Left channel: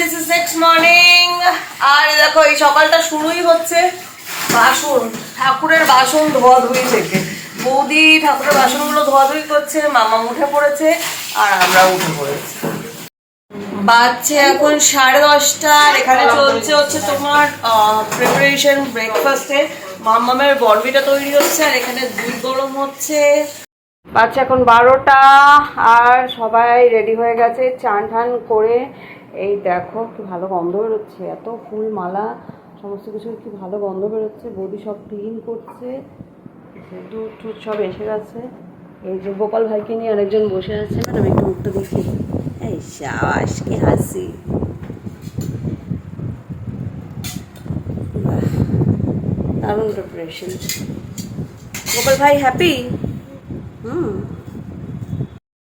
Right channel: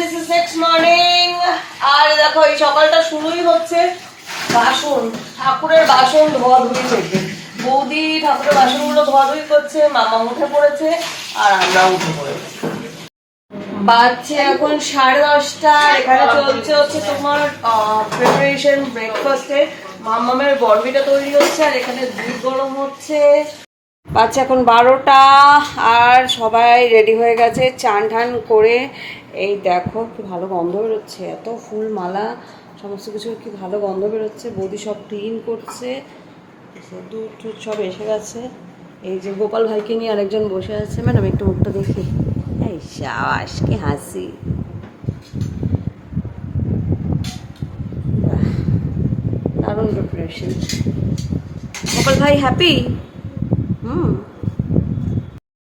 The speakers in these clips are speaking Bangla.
This is next morning. আর দেখো এই সকালটা শুরুই হচ্ছে বাসন, ঠাকুরের বাসন ধোয়াধুয়ি থেকে। বৌদি ঠাকুরের বাসনগুলো ধোয়াধুয়ি করছে, মামা উঠে পড়েছে আর আমরা উঠে পড়েছি। বাজছে এখন 10:30। আর এখানে চলছে হচ্ছে তোমার প্রিপারেশন ব্রেকফাস্টের। মামামের বরবিটা তৈরি হচ্ছে আর এখানে দুধ গরম হচ্ছে। বাচ্চা এখন 12টা আর সবাই রেডি হয়ে গেছে চান ঠান করে। এই দেখো কি ভালো গন্ধ বেরোচ্ছে, এত ফুল মালা সমস্ত কিছুর কি ভালো গন্ধ বেরোচ্ছে। বৌদি সব ক্লিন করছে, দুধ টুধ সব এসে গেছে। এই যে গোপাল ভাইকে নিয়ে আরেকজন বসে আছে। ম্যাডাম একটু মুখটা দেখি, এই সাবাস কি হাসি। দারুণ প্রিপারেশন। গোপাল ভাই হ্যাপি?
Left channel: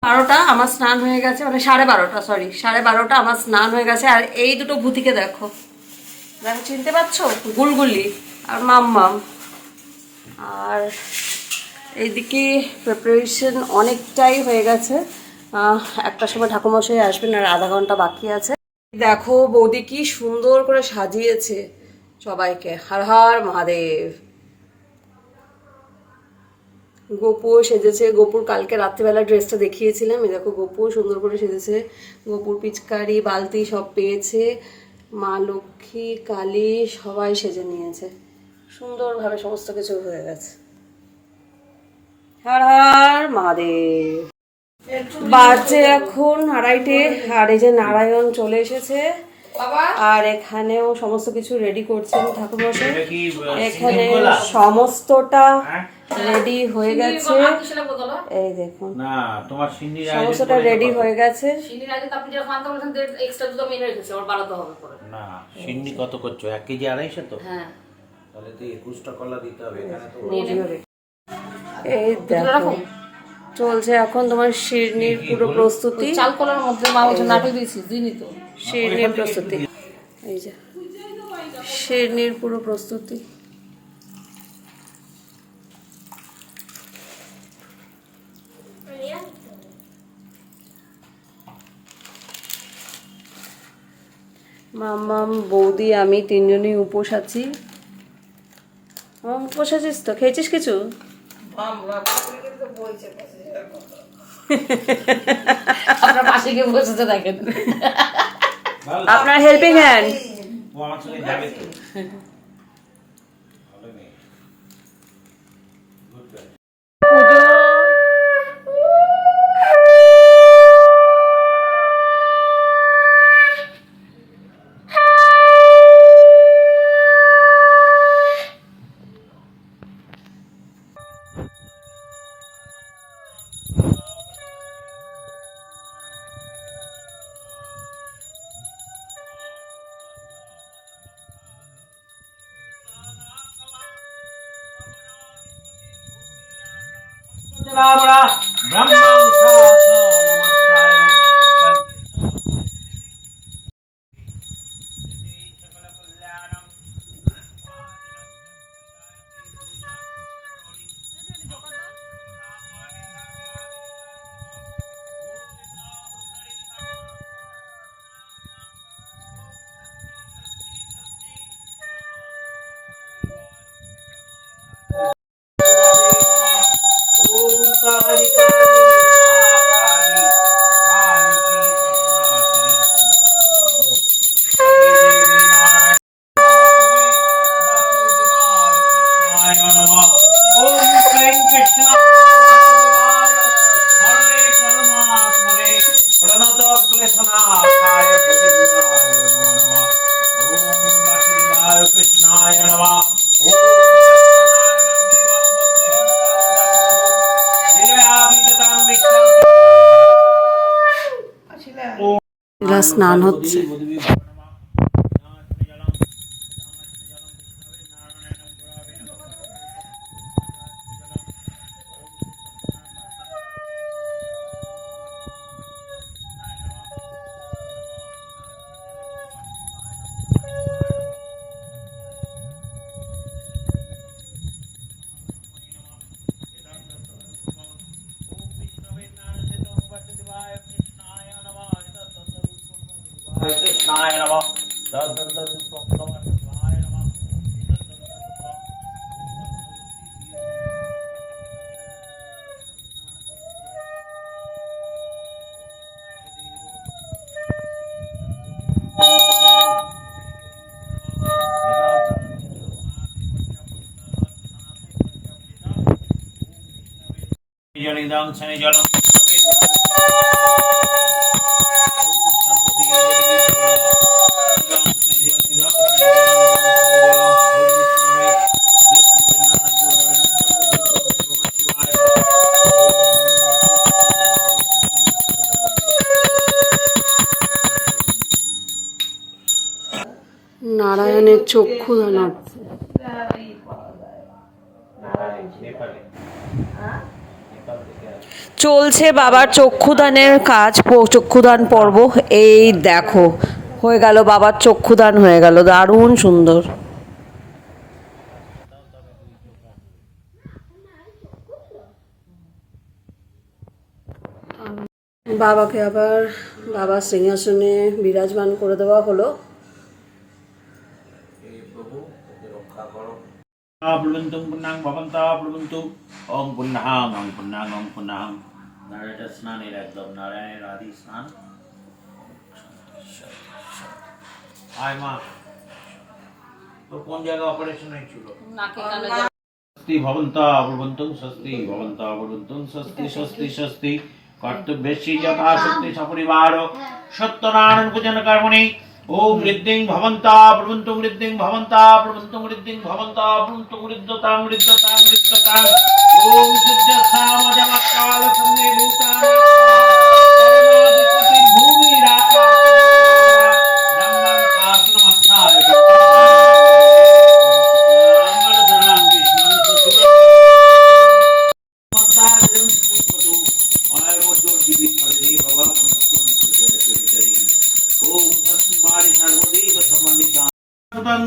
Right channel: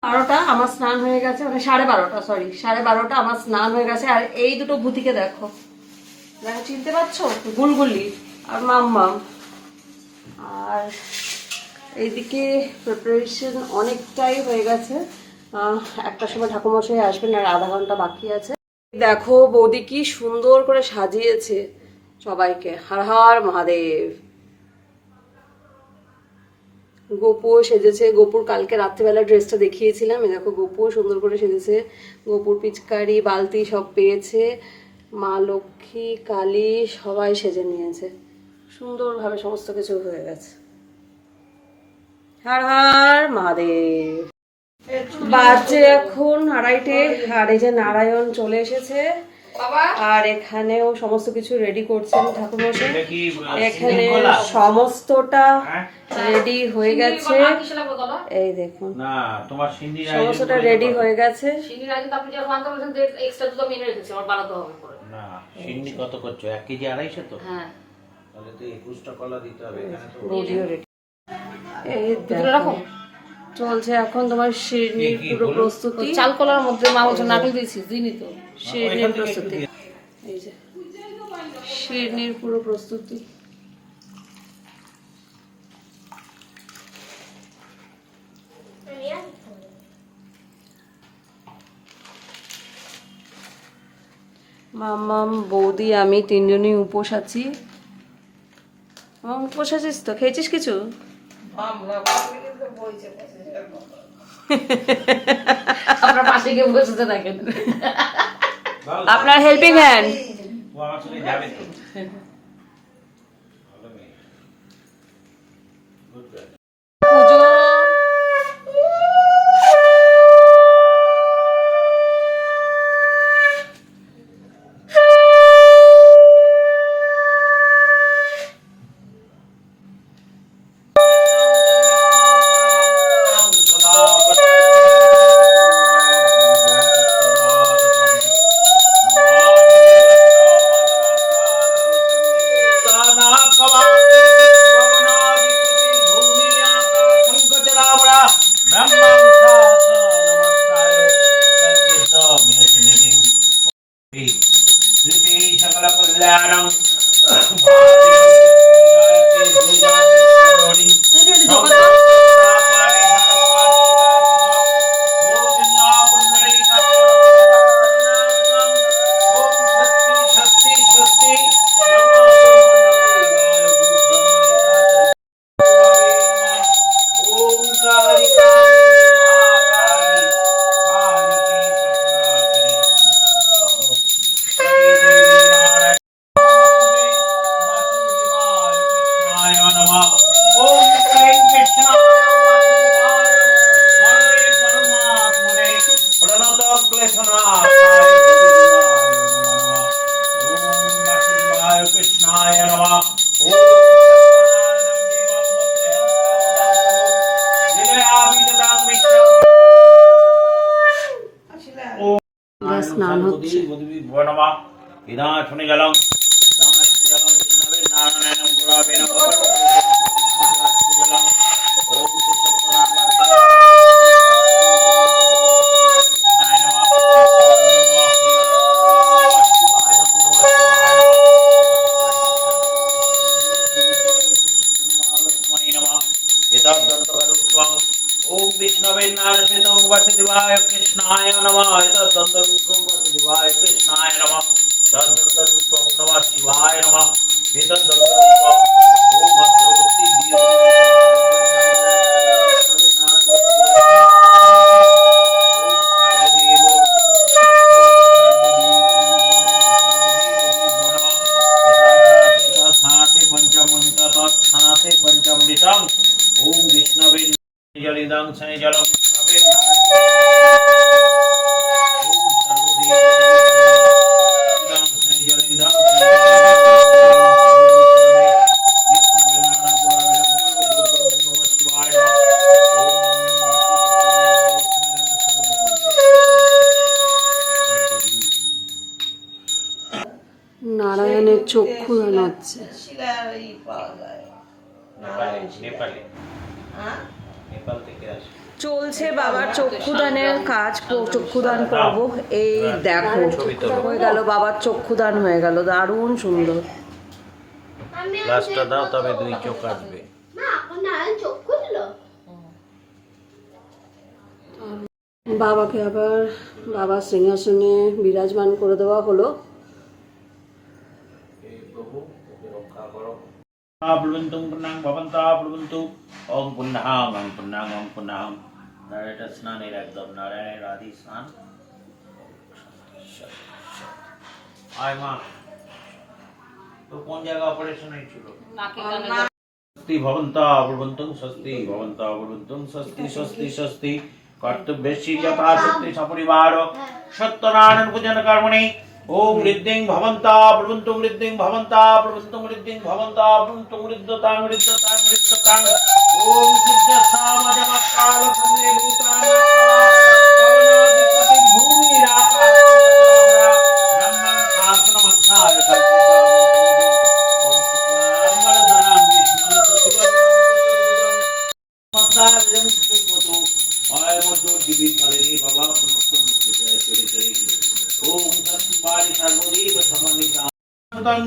12টা আমার স্নান হয়ে গেছে, মানে 12:30, সরি 12:30 আমার স্নান হয়ে গেছে। আর এই দুটো ভূতিকে দেখো, দেখো চিনতে পারছো? গুলগুলি আর মাম্মাম। আর এইদিকে প্রিপারেশন অনেকটাই হয়ে গেছে। একটা সময় ঠাকুরমশাই আসবেন আর আধা ঘন্টা বাকি আছে। দেখো বৌদি কি সুন্দর করে সাজিয়েছে সবাইকে। হর হর মহাদেব। গোপুও সেজেছে। গোপুর কালকে রাত্রিবেলা ড্রেসটা দেখিয়েছিলাম। এই দেখো গোপুও সুন্দর করে সেজেছে। গোপুর পিচকারি বালতি সব পেয়েছে। মা লক্ষ্মী কালী সবাই সেজে নিয়েছে, সুন্দরভাবে সমস্ত কিছু হয়ে গেছে। হর হর মহাদেব। বাজে এখন 2:30। আর এই যে নারায়ণ চলে এসেছে আর এখানেও সমস্ত কিছু রেডি করছেন ঠাকুরমশাই। এখানে সমস্তটা রেডি হয়ে গেছে। এই দেখুন সমস্তটা রেডি হয়ে গেছে। কত করছো? 1 কেজি 250 তো? হ্যাঁ, তাহলে তো 21টা কলা দিতে হবে। এই দেখো চলছে এখন তোমার শিরনির পুরো প্রস্তুতি। চাল কলার মধ্যে মা বলছে নাটক দিয়েছি দিনই তো শিরনির প্রস্তুতি। এই যে শিরনির পুরো প্রস্তুতি। মাম্মাম বৌদি আমি 3জনই উপোস আছি। উপোস আছিস তো? খেয়েছিস কিছু? আপনার পাশে গিয়ে বসেছে দেখেন, আপনার হেল্পিং হ্যান্ড। পুজো স্নান হচ্ছে। ओम विष्णवे नारसिंह वासुदेवाय कृष्णाय नमः। कृष्णाय नारायणाय नमः तद्दन्तपुष्पं नमः शिवाय नमः एतद्दन्तपुष्पं ओम भद्रवती ओम विष्णवे जलिदं शनि जलं विष्णवे নারায়ণের চক্ষু দান হচ্ছে। চলছে বাবার চক্ষুদানের কাজ, চক্ষুদান পর্ব। এই দেখো হয়ে গেল, বাবার চক্ষুদান হয়ে গেল, দারুণ সুন্দর। গ্লাসটা দাও, তবে দুই চোখ আসবে। বাবাকে আবার বাবার সিংহাসনে বিরাজমান করে দেওয়া হলো। প্লবন্তু পুণ্যাং ভবন্তা প্লবন্তু ওম পুণ্যাং ওম পুণ্যাং ওম পুণ্যাং। নারায়ণের স্নানের একদম নারায়ণের আদি স্নান। আয় মা, তো কোন জায়গায় অপারেশন হয়েছিল? স্বস্তি ভবন্তা প্লবন্তু স্বস্তি ভবন্তা প্লবন্তু স্বস্তি স্বস্তি স্বস্তি। কর্তব্যেশি যথাশক্তি সপরিবার সত্যনারায়ণ পূজন কর্মণি ओम ऋद्धिं भवन्ता प्रभुन्तं ऋद्धिं भवन्ता प्रभुन्तं ऋद्धिं भवन्ता प्रभुन्तं ऋद्धतां ऋद्धतां ऋद्धतां ओम सूर्यस्थामजमकाल सम्मे भूतां कवनाधिपति भूमि राका ब्रह्मं शासनमस्थाय अमरधरां विष्णुं सुसुरं सुपतो आय मधुर दिवि फलिनी बाबा पुनस्तु मुक्ति ओम तत्वारि सर्वदेव समन्विता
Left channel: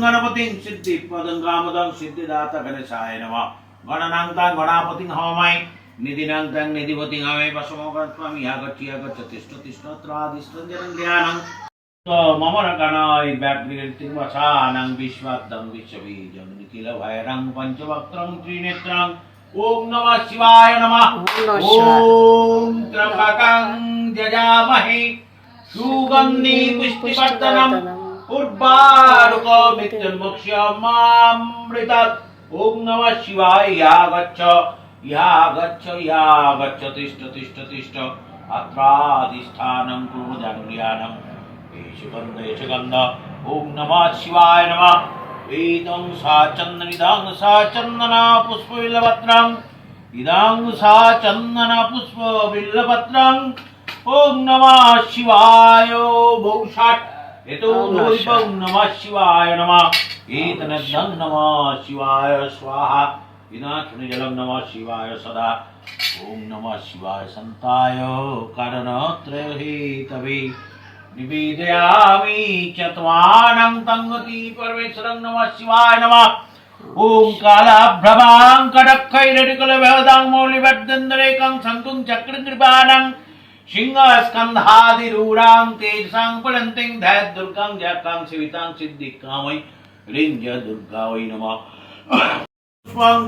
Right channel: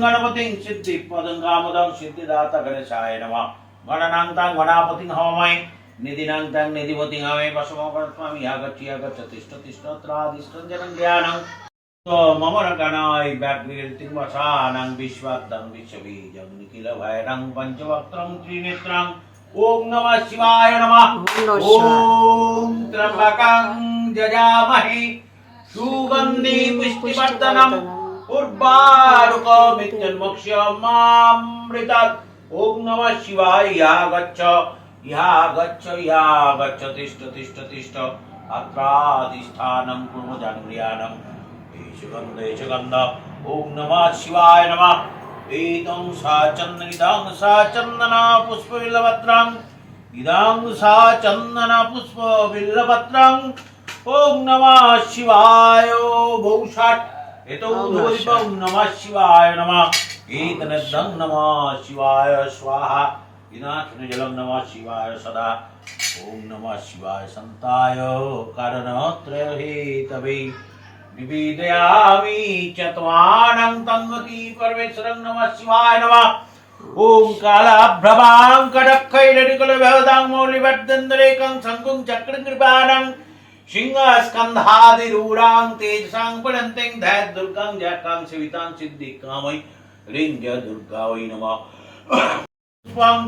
गणपतिं सिद्धि पदं कामदं सिद्धिदाता गणेशाय नमः गणनां तं गणापतिं हवामहे निधिनां तं निधिपतिं हवामहे वसुमगणस्वामी आगच्छ आगच्छ तिष्ठ तिष्ठत्रादिष्टं जनं ज्ञानं तो मम गणाय व्याघ्रितिं वसानं विश्वाद्दं विश्वबीजं निखिल भैरं पंचवक्त्रं त्रिनेत्रं ओम नमः शिवाय नमः ओम त्र्यंबकं जजामहे सुगंधि पुष्टिवर्धनम् उर्वारुकमित्यन्मुक्ष्यमामृतात् ओम नमः शिवाय या गच्छ या गच्छ तिष्ठ तिष्ठ तिष्ठ अत्राधिष्ठानं कुर्मजङ्ग्रियाणं एष गन्ध ओम नमः शिवाय नमः एतं सा चन्दनिदं सा चन्दना पुष्पबिल्लपत्रं इदं सा चन्दना पुष्पबिल्लपत्रं ओम नमः शिवाय बहुषाट एतो धूलिपं नमः शिवाय नमः एतनद्धं नमः शिवाय स्वाहा विनाशनजलं नमः शिवाय सदा ओम नमः शिवाय संताय कारणत्रयहेतवे निवेदयामि चत्वानं तंगति परमेश्वरं नमः शिवाय नमः ओम कालाभ्रवां कडक्खैरटिकुलभवदां मौलिवर्धन्दरेकं शङ्कुं चक्रं कृपाणं सिंहस्कन्धादिरूढां तेजसां पडन्तीं दैत दुर्गां जकां शिवितां सिद्धिकामै ह्रीं ज दुर्गा वै नमः पुष्पं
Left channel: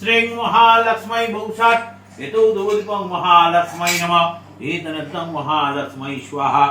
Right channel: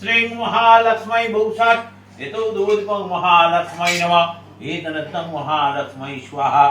श्रीं महालक्ष्मै बहुषाट् यतो दूलिपं महालक्ष्मै नमः एतनद्धं महालक्ष्मै स्वाहा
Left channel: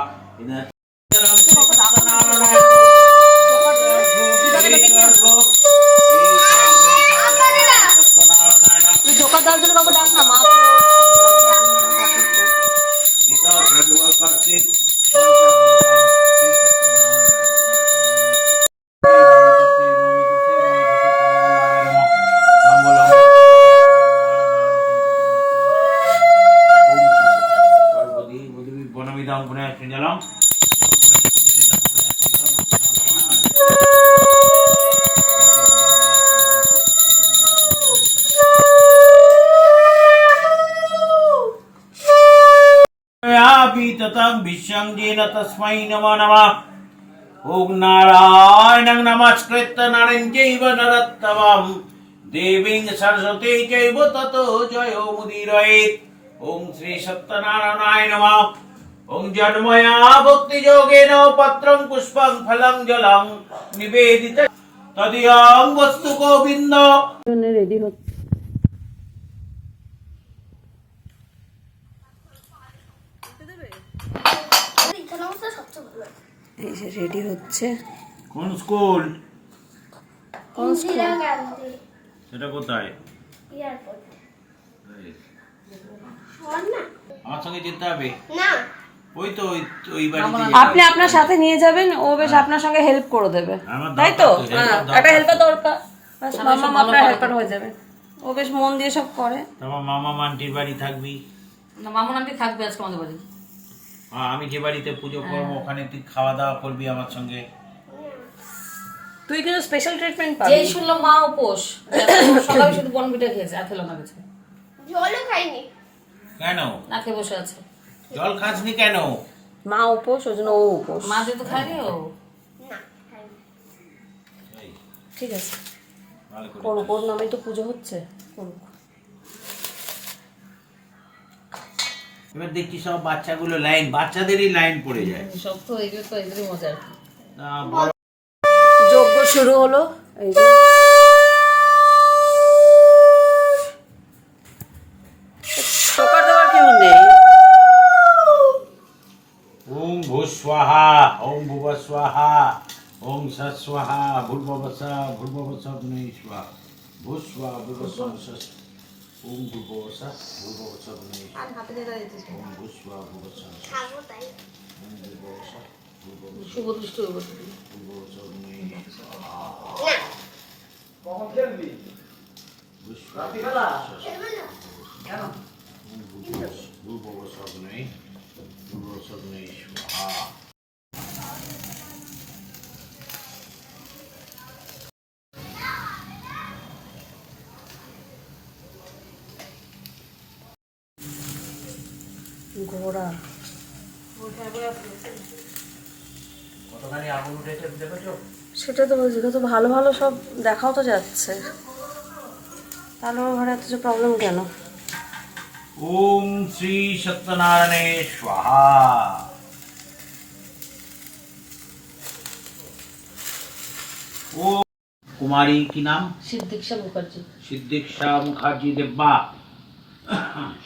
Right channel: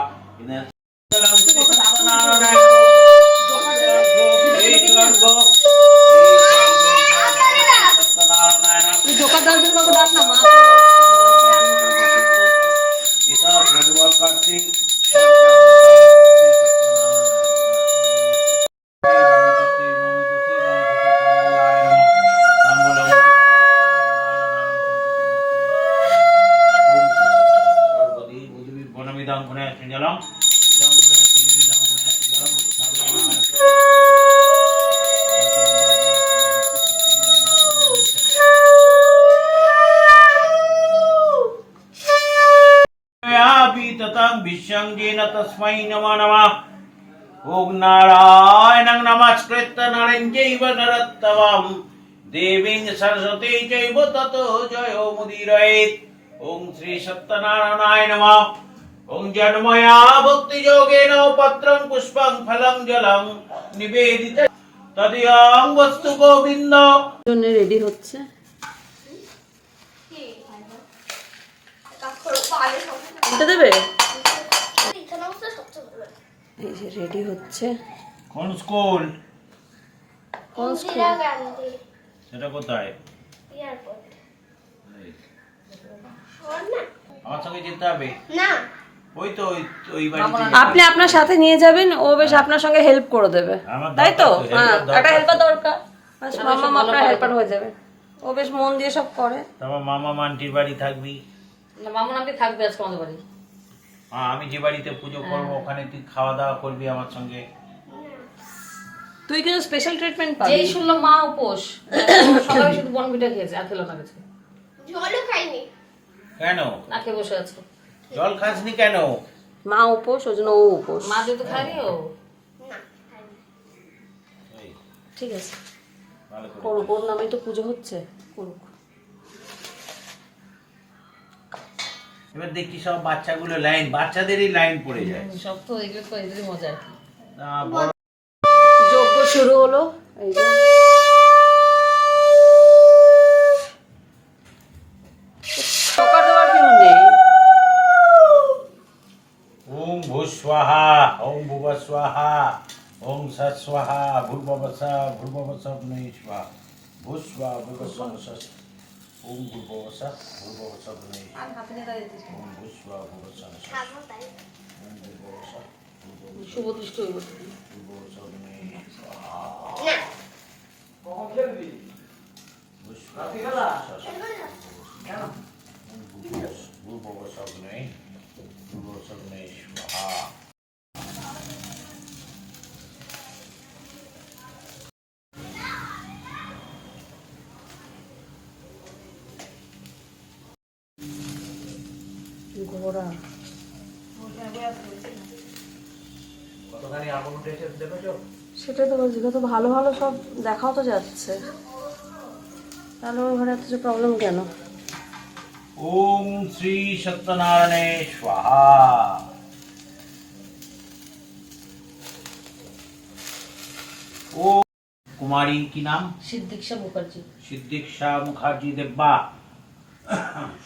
विश्वं जेन तस्मै नमो नमः ओम नारायणं नमस्कृत्य नरं चैव नरोत्तमं देवीं सरस्वती चैव ततो जयो मुदीरयेत् ओम श्री सत्यनारायणाय नमः ওং জন্ময়া ভক্তি যোগেন পত্রং পুষ্পং ফলং জলং নিবেদিত তদিয়ং বস্তু গোবিন্দ। জন্য রেডি হচ্ছে। উঠে দেবে? এই যে রেডি হচ্ছে। কোন স্কুল? কোন স্কুল? সেটা কোথায়? আমার সঙ্গে যেতে হবে না? ওই তো ওই বাড়িতে আপনি আপনার সাথে নিয়ে যাবেন, ও বেশ আপনার সঙ্গে হেল্প করে দেবে, তাই তো? হ্যাঁ, একটা হেল্পার দরকার, মামা আপনার হেল্পার হয়ে যাবে। ও বেশ মন দিয়ে সব করে। তারপর মামা আন্টির বাড়ি থাকবি না, মামুন আন্টি থাকবে আজকে আমাদের বাড়ি। আমি যে বাড়িতে পুজো করবো ওখানে তুই খাওয়া দাওয়া করবি আমার সঙ্গে। তুই কিন্তু স্পেশাল ট্রিটমেন্ট পাবি। যেই শুনলাম মা উপোস, সকালে শুধু বনবিটা খেয়েছে, আর খেলো না কিছু। জলও খাইনি। কেন না খেয়ে বসে আছে। জল খাসনি কেন? মা উপোস, ওই জন্য ও উপোস। মা যেহেতু খায়নি ও। না খাইনি। ঠিক আছে, ভালো করে। করুক, ওর নামেই তো পুজো হচ্ছে, করুক। এবার দেখি সব বাচ্চাগুলো লাইন, বাচ্চাদেরই লাইন পড়ে যায়। সব তো এগুলো তো এদেরই মজা আর কি। না, বড় যজ্ঞ শুরু হলো। এই যে টোকা দেওয়ার কেউ নেই। ওম ভূস্বাহা ওম ভুবস্বাহা ওম সৎস্বাহা ভূর্ভুবস্বাহা ভূর্ভুবস্বাহা স্বাহা ভূস্বাহা ভুবস্বাহা ওম ভূর্ভুবস্বাহা ভূর্ভুবস্বাহা আর হাতে নিয়ে দাঁড়িয়ে দিস। ওম ভূস্বাহা ভুবস্বাহা খাবো তাই। ওম ভূর্ভুবস্বাহা শুভ দুষ্ট হইব। ভূর্ভুবস্বাহা ঘোড়া কতখানি আগুন উঠেছে দেখেছো? সেটা তো বলছি, কত ভালো ভালো সব দেখাও তো যাচ্ছে, তাহলে ওর ঘরে এত প্রবলেম কেন? ওম শ্রী সত্যনারায়ণে স্বাহা। ও কুমারী কি নাম? সিদ্দিকশা মুখার্জি। সিদ্দিকশা মুখার্জি দেব্বা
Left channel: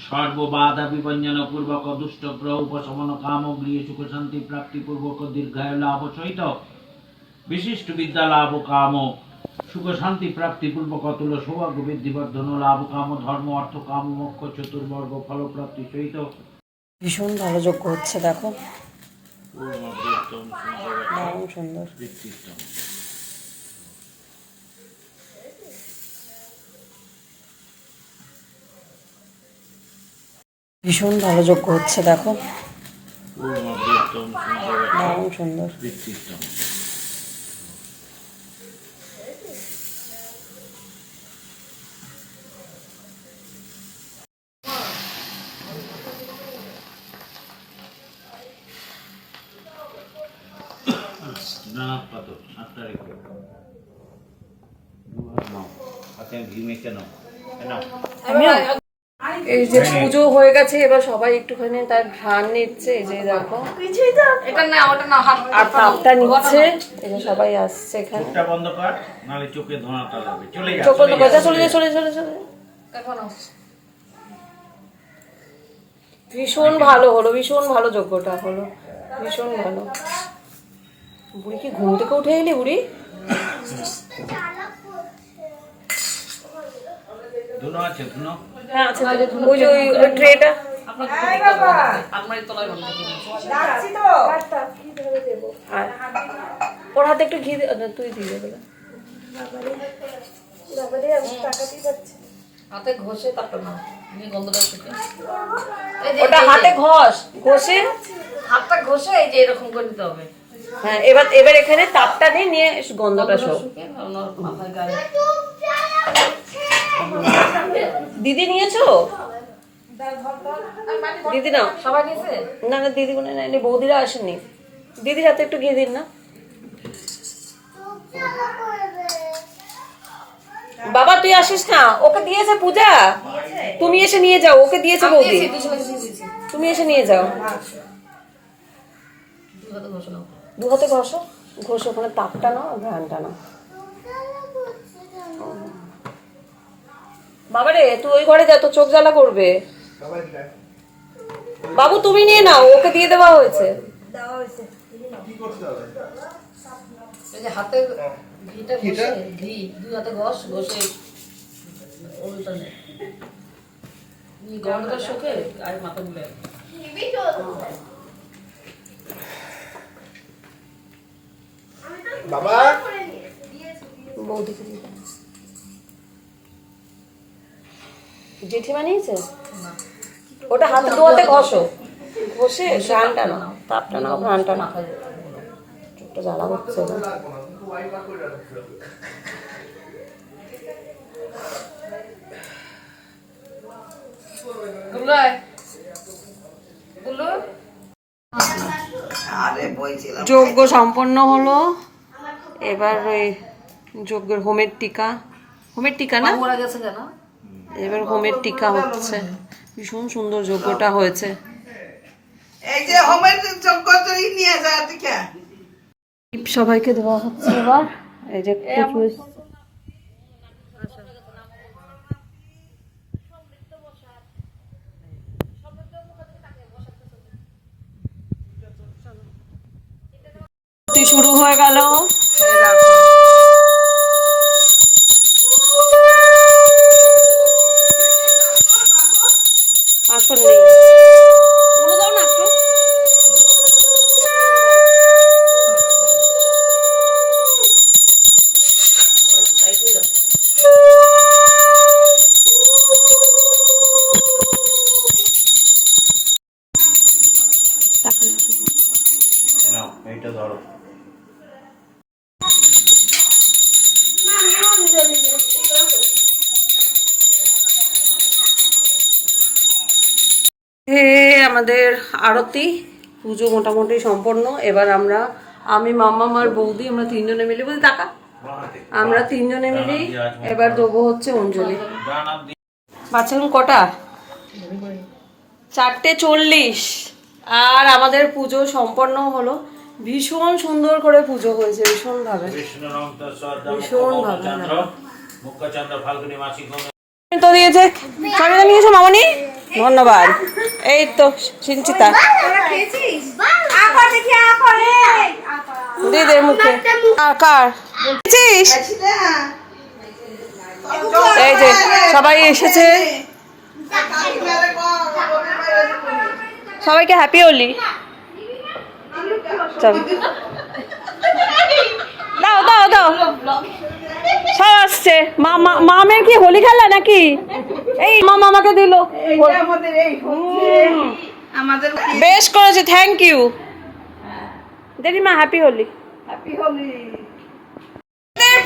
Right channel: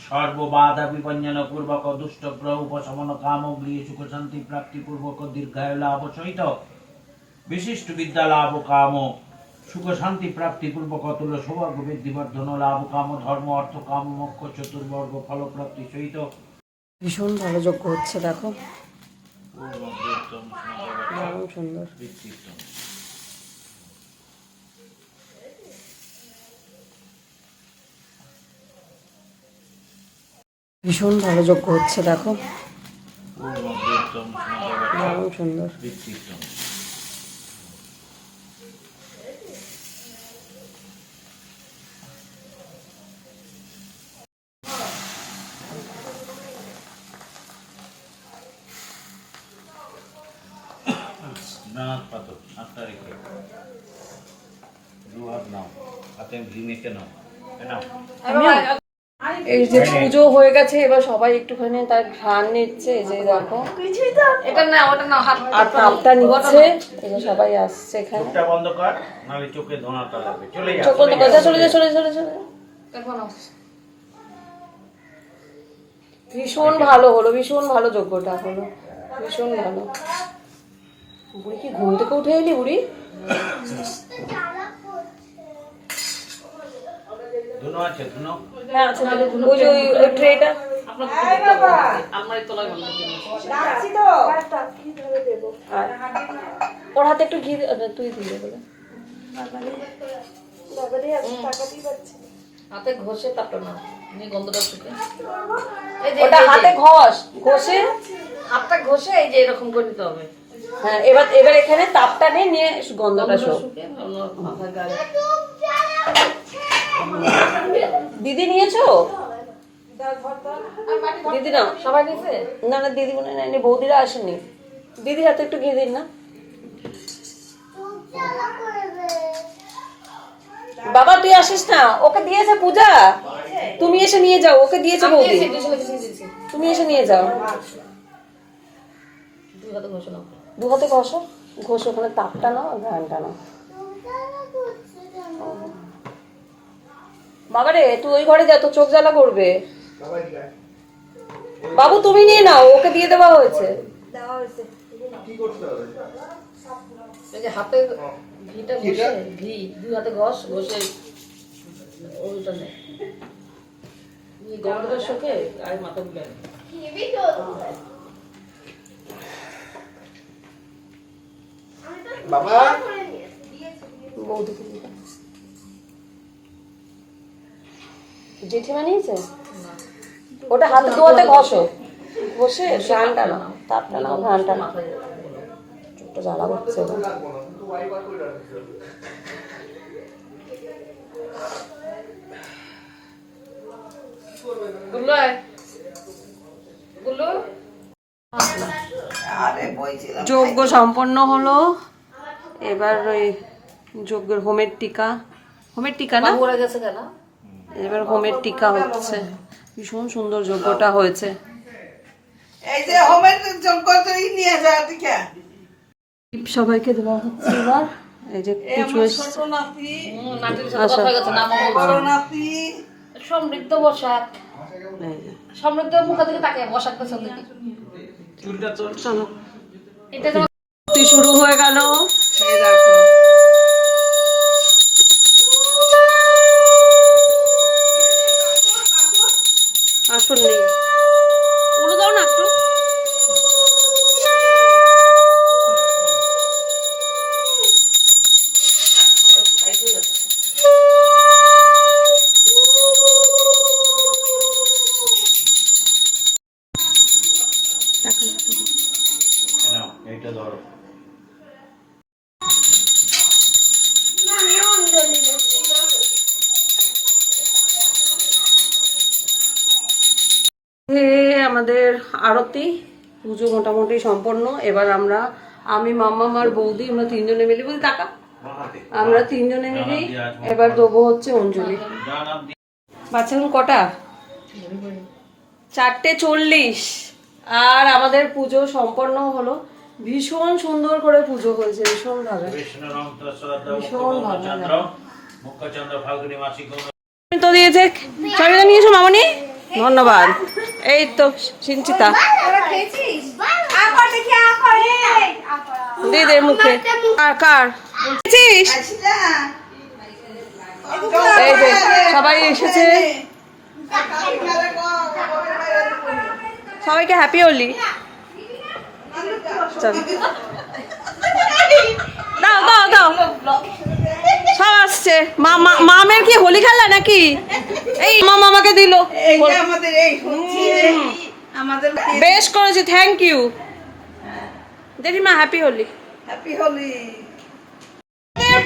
সর্ববাধা বিভঞ্জন পূর্বক দুষ্ট গ্রহ উপশমন কাম গৃহ সুখ শান্তি প্রাপ্তি পূর্বক দীর্ঘায়ু লাভ সহিত বিশিষ্ট বিদ্যা লাভ কাম সুখ শান্তি প্রাপ্তি পূর্বক অতুল সৌভাগ্য বৃদ্ধি বর্ধন লাভ কাম ধর্ম অর্থ কাম মোক্ষ চতুর্বর্গ ফল প্রাপ্তি সহিত। ভীষণ ভালো যজ্ঞ হচ্ছে, দেখো দারুণ সুন্দর। ভীষণ ভালো যজ্ঞ হচ্ছে, দেখো দারুণ সুন্দর। নানা পাথর সাতটা রেখে দু হাত নাও, হাতে ঘি মেখে নাও। এই যে পুজো হয়ে গেছে, এবার সবাই একটুখানি তার ঘ্রাণ নিচ্ছে। এই যে দেখো, এটা না, ওটা না, হাত আর তাপটা নিচ্ছে। এই যে সবাই আসছে এখানে। চোখটা বন্ধ কর, নাহলে চোখে ধোঁয়াটা লাগবে। চলে যা, চোখ বন্ধ চলে কর, যা, চলে যা, চলে চলে চলে। এখন আসছে। ভীষণ ভালো হলো, ভীষণ ভালো যজ্ঞটা হলো, ভীষণ ভালো। বুড়ি কি ঘুম থেকে উঠে এলি বুড়ি? ধুনো আছে, ধুনো। হ্যাঁ আছে, ওই যে ওই ট্রেটা। আমার তলায় বন্ধ করে দিয়েছি। আর ওর হাতে একটু ঘি দে, তুই দিয়ে দেবে। হাতে ঘষে তারপর না, নিয়ে গন্ধটা শুকে। ওটা হাতে ঘষে হাতটা ঘষে এই যে এরকম করে নিতে হবে। হ্যাঁ, এবার এবার এখানে তাপটা নিয়ে গন্ধটা শো। শুকে মাথায় গায়ে। দিদি নিয়েছো? দিদি নাও। সবাই নিয়েছে? না না, দিদি মনে নেয়নি, বৌদিরা আসেনি। দিদির হাতে একটু ঘি দিন না। বাবা তুই আসিস না, ওকে দিয়েছে পূজা, তুমি এসে নিয়ে যাও। ওকে দিয়েছে বৌদি, তুমি এসে নিয়ে যাও। দু হাতে ঘষো, ঘষে ওখানে তাপটা নাও, ঘ্রাণটা নাও। বাবারে তুই ওই ঘরে যা, তো চোখ জ্বালা করবে। বাবু তুমি নিয়ে নাও, ওকে দিয়ে দেওয়া হয়েছে। এই যে হাতে ঘিটা ঘষে, ঘি দুই হাতে ঘষ, ঘষে ওইটা নে গরমটা শোকে আর মাথা গুলে হেভি জল বাবা বৌদিকে দিয়ে দাও। জেঠিমা নিয়েছে ওটা হাতে ধোয়াতে ঘষো, ঘষে ঘ্রাণটা নাও, তাপটা নাও, ঘ্রাণটা নাও। চোখটা জ্বালা করছে এবার। যজ্ঞ সম্পন্ন হলো, এবার ওই যজ্ঞের হোমের টিকা, হোমের টিকা না, এবার হোমের টিকা হচ্ছে। ভীষণ সুন্দর যজ্ঞটা হয়েছে। এই যে হোমের যজ্ঞ তুই নিয়ে যা দিকে সবাইকে দেওয়া হচ্ছে এবার। এই যে কুচু সমৃদ্ধ বসাক, সমৃদ্ধ মুখ থেকে তাকে বসাক শুরু হয়ে গেল। আসুন নেই উড়ো দাও না একটু। নাও এইটা ধরো। আমাদের আরতি পুজো মোটামুটি সম্পন্ন। এবার আমি মাম্মা আর বৌদি আমরা তিনজনে মিলে, বুঝলি টাকা আমরা তিনজনে মিলেই এবার দেবো হচ্ছে অঞ্জলি। বাচ্চা এখন কটা? 4:40। আর আমাদের পুজো সম্পন্ন হলো। ভীষণ সুন্দর করে পুজো হয়েছে, ভীষণ ভাবে, ভীষণ ভাবে। তো দিয়েছে, সবাই নিয়েছো মামনি, ধন্যবাদ। এই তো সিঞ্চিতা দিয়ে দে মুখে। আর কার এই যে সবাই এসেছে, সবাইকে হ্যাপি হোলি। চল দাও দাও দাও, সব আসছে। মামের কি হোলি খেলা নাকি? এই মামাকে দিল, বেশ করেছে, থ্যাংক ইউ জেঠিমা, হ্যাপি হোলি। হ্যাপি হোলি।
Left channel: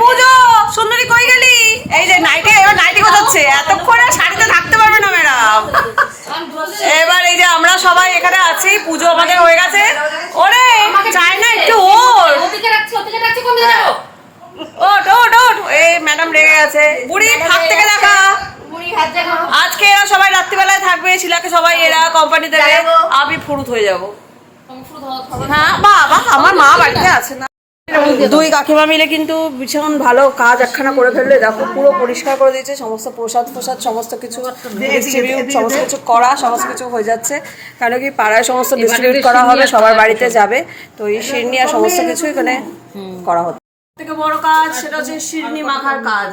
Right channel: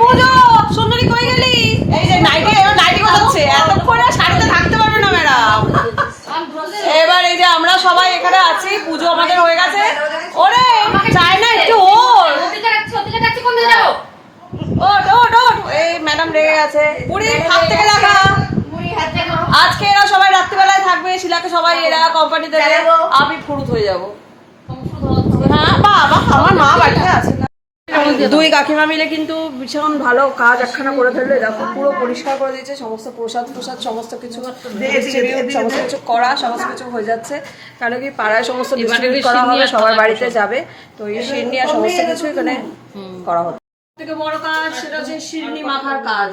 পুজো সুন্দরী কই গেলি? এই যে নাইটি, এবার নাইটি গোছাচ্ছে, এতক্ষণ আর শাড়িতে থাকতে পারবে না ম্যাডাম। এবার এই যে আমরা সবাই এখানে আছি, পুজো আমাদের হয়ে গেছে। ওরে চাই না একটু ওর, ওট ওট ওট, এই ম্যাডাম রেগে গেছে। বুড়ি থাক থেকে লেখা, আজকে এরা সবাই রাত্রিবেলায় থাকবে, শিলাকে সবাই এরা কোম্পানি দেবে, আমি ফুরুত হয়ে যাবো। হ্যাঁ বাবা, আমার মা বাড়িতে আছে না। দুই কাকিমা মিলে কিন্তু ভীষণ ভালো কাজ একখানা করে ফেললে। দেখো পুরো পরিষ্কার করে দিয়েছে, সমস্ত প্রসাদ সমস্ত কিছু ডিস্ট্রিবিউট, সমস্ত কিছু করা, সমস্ত কিছু হয়ে যাচ্ছে। কারণ কি পাড়ায় সমস্ত ডিস্ট্রিবিউট করা হবে, সবার বাড়িতে যাবে, তো এই শিরনি আর সমস্ত কিছু এখানে করা হচ্ছে। থেকে বড় কাজ সেটা হচ্ছে শিরনি মাখার কাজ।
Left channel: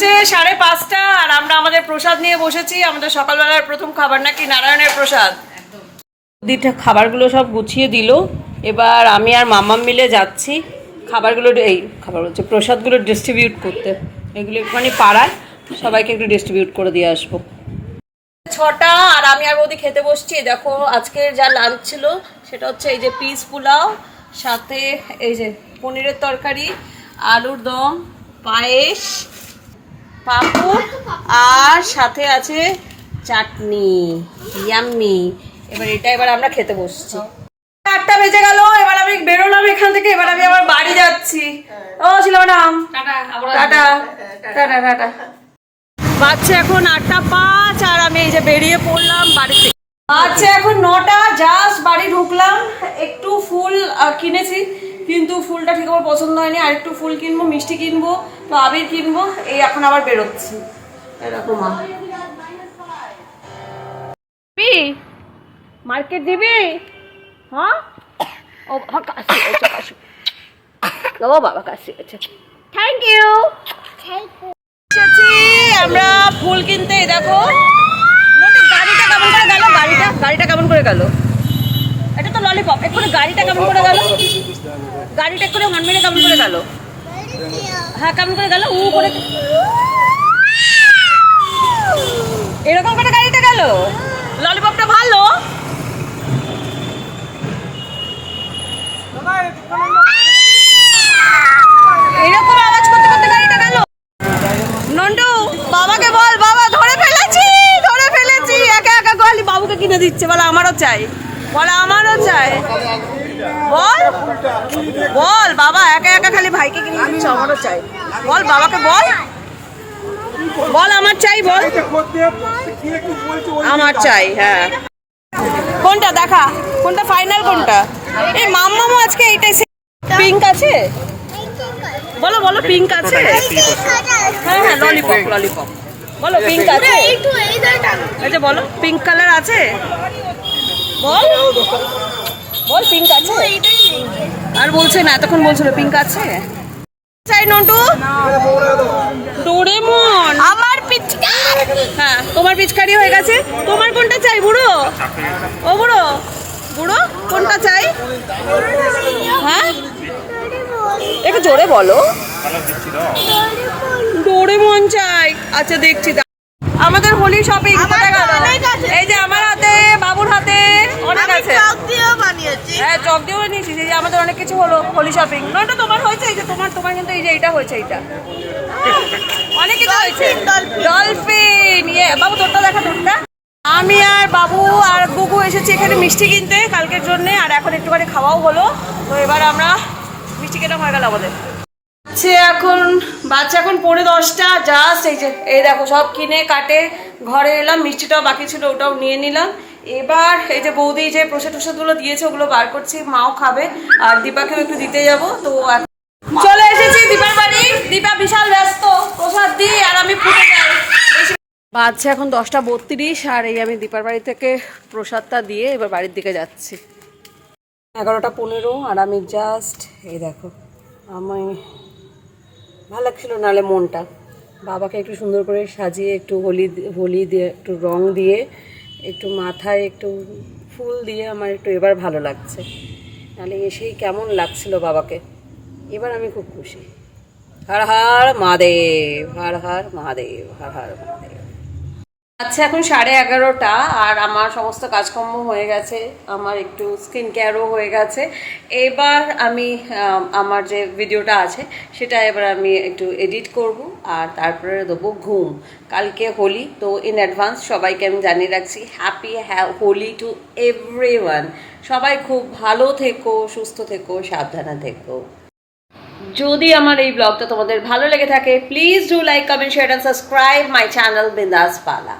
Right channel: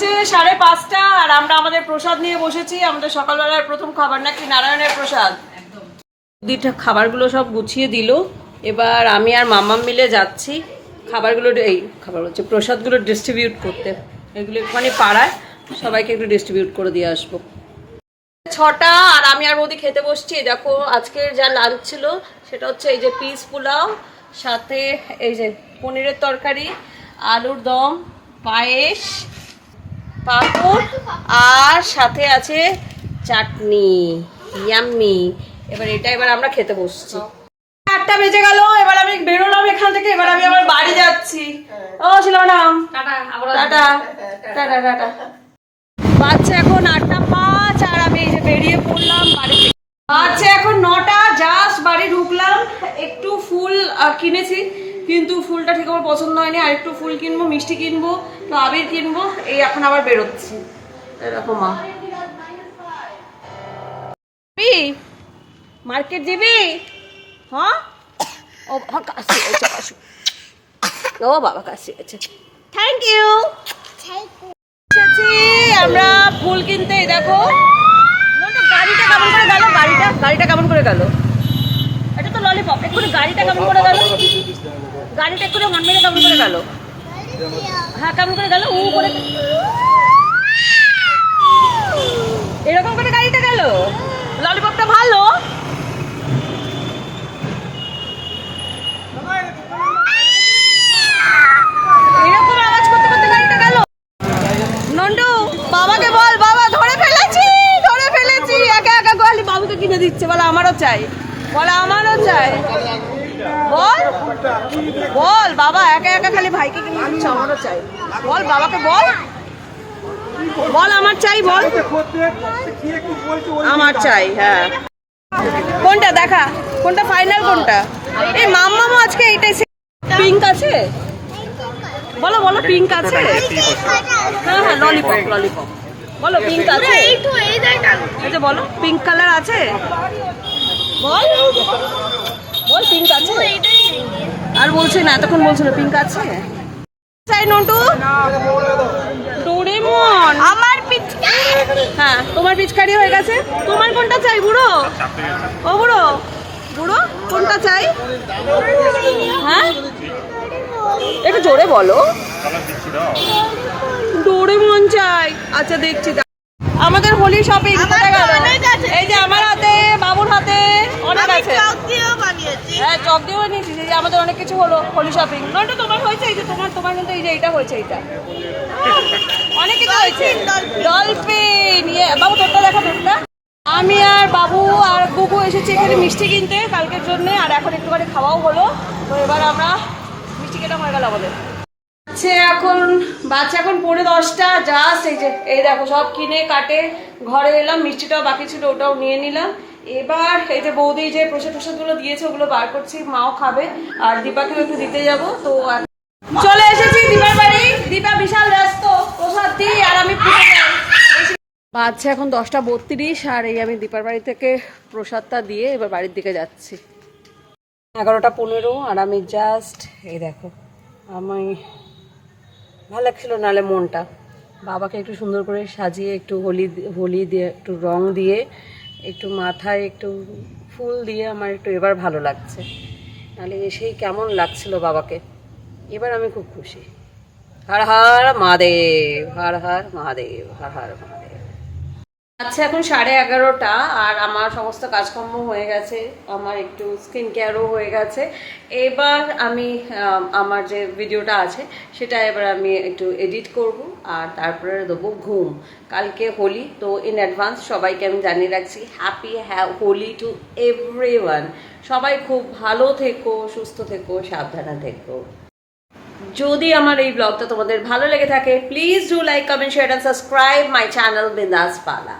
5:30 আর আমরা আমাদের প্রসাদ নিয়ে বসেছি। আমাদের সকালবেলার প্রথম খাবার নাকি নারায়ণের প্রসাদ। দিটা খাবারগুলো সব গুছিয়ে দিল। এবার আমি আর মাম্মাম মিলে যাচ্ছি খাবারগুলো, এই খাবার হচ্ছে প্রসাদগুলো ডিস্ট্রিবিউট করতে। এগুলো একটুখানি পাড়ায় সবাইকে একটু ডিস্ট্রিবিউট করে দিয়ে আসবো। 6টা আর আমি আর বৌদি খেতে বসছি। দেখো আজকের যা লাঞ্চ ছিল সেটা হচ্ছে এই যে পিস পোলাও, সাথে এই যে পনিরের তরকারি, আলুর দম, পায়েস, পাঁপড় আর সাথে আছে চাটনি, ইয়াম্মি। এবার আমরা খেতে বসছি। 8টা বেজে গেল, এবার আমি বেরোলাম এখান থেকে। এবার আমি আবার বাড়ি যাচ্ছি। ও ছিল ম্যাডাম, টাটা টাটা টাটা। বাচ্চা এখন 8:05 আর আমি এই যে বেরিয়ে পড়লাম বাড়ি থেকে। আচ্ছা এখন 9টা, জাস্ট বাড়ি ঢুকলাম। একটু ফুল কিনেছি, কিন্তু ফুলটা ঠিক আমার পছন্দ হয়নি। আর একটু ফুল কিনবো, মিষ্টি কিনবো, তো আবির কিনবো। এই এখন আবার বেরোচ্ছি। এরকম মার্কেট দিবি? হ্যাঁ, ও বাবা কাশি হয়েছে, কাশি। ও বাবা কাশি হয়েছে। Thank you. এসেছি আমরা ফুল কিনতে। এই দেখো গাড়িটা কেমন করে গেল, গাড়িটা কেমন করে গেল। এটা তো ললিপপ। এক্ষুনি গাড়িটা কেমন করে গেল, গাড়িটা এক্ষুনি হর্ন মেরে কেমন করে গেল। হ্যাঁ কেমন করে গেল, উ করে এরকম করে গাড়িটা গেল। ললিপপটা ভালো। এরকম আওয়াজ করতে করতে গাড়িটা গেল। নন্টু বাবাকে বল, বাবা ধরে ফেলেছি, ধরে ফেলেছি। একা একা গলি বাবুকে কিনে দিচ্ছে, বলে আমারও চাই, বলে আমারও চাই। বল বল বাবা একা একা খালি ভাইকে কিনে দিচ্ছে, আমারও চাই। বল বাবাকে বল, বল আমার চাই, বল আমার চাই। হ্যাঁ কোনটা দেখা, কোনটা ফাইনাল, কোনটা? এই মাম্মামও আজকে এইটাই। পিঙ্ক আছে, বলো বলো পিঙ্ক আছে। হ্যাঁ হ্যাঁ ললিপপ, ললিপপ বলো পিঙ্ক আছে। এই যে বলো পিঙ্ক কালার আছে, বল বল পিঙ্ক আছে। আর বলছে না, এতক্ষণ বলছিল পিঙ্ক আছে। চাই নন্টু ডোরেমন। আমার পিচকারি। হ্যাঁ তোমার পিচকারি হয়ে গেছে। তোমার কোনটা চাই বুড়ো? ও বুড়ো, বুড়ো কোনটা চাই? হ্যাঁ একটু জোরে বলো। ডোরেমন চাই। আচ্ছা দেখছি। আমাদের হোলি শপিং কোথায় গেল? এই যে আমার হাতে, বাবুর হাতে অনেক আছে। হ্যাঁ চক দিয়েও বানিয়েছি। এই যে আমাদের অনেক কিছু হলো হোলি শপিং। নয়টা তোমার হয়েছে, এই যে তোমার তোমার কিন্তু এই যে এইটা হয়েছে, এইটা অনেক কিছু হয়েছে। ডলফিন, ইয়ে বাবু তোরটা দেখা, তোরটা। আমি আর বাবু আর গুগু এসেছি এখানে মিষ্টি কিনতে কালকের জন্য। আর এখন একটুখানি খাওয়াও হলো। তো এবার আমরা মিষ্টি কেনা হয়ে গেল আমাদের। এখন বাচ্চা এখন 10:45 জাস্ট। এই যে এই দেখো সব কিনে কাটে ঘরে এলাম। মিষ্টিটাও বাকি ছিল, ওটাও নিয়ে নিলাম। এবার এই যে বৌদি যে প্রসাদ টসাদগুলো দিয়েছে ওগুলো বার করছি, মাও খাবে আর দীপাকেও একটু দিতে যাব। তো চলে এসেছি দীপার বাড়ি। দীপা বিশাল ব্যস্ত, প্রসাদ দিই আর আমি ফুটে যাই। বাচ্চা এখন 10:32 আর এই আমি দীপার বাড়ি থেকে প্রসাদটা দিয়ে এবার বাড়ির দিকে যাচ্ছি। 11:15 আর আমি জাস্ট এই দেখো, আমি ভালো লাগছিল নাহলে মনটা। বাবাকে একটু সুন্দর করে সাজিয়ে একটু হোলি দিয়ে একটু রং দিয়ে একটু মাথায় একটু ফুল দিয়ে আমার একটু এবার ভালো লাগছে। নাহলে এসেই কেমন লাগছিল বাবাকে। এবার আমি খুব খুশি। হর হর মহাদেব, হর হর মহাদেব, হর হর মহাদেব। আচ্ছা এখন 11:30 আর আমার সমস্ত কাজকর্ম হয়ে গেছে, আমার একটু স্কিন কেয়ারও হয়ে গেছে। এবার আমি আমার যে ভিডিওটা আছে সেটা এবার আমি একটু এডিট করব আর তারপরে দেবো ঘুম। কালকে হোলি, তো ইন অ্যাডভান্স সবাইকে আমি জানিয়ে রাখছি হ্যাপি হোলি টু এভরিওয়ান। সবাই খুব ভালো থেকো, সুস্থ থেকো, সাবধানে থেকো। যদি আমার এই ব্লগটা তোমাদের ভালো লেগে থাকে please do like, comment, share and subscribe my channel বিন্দাস পালা।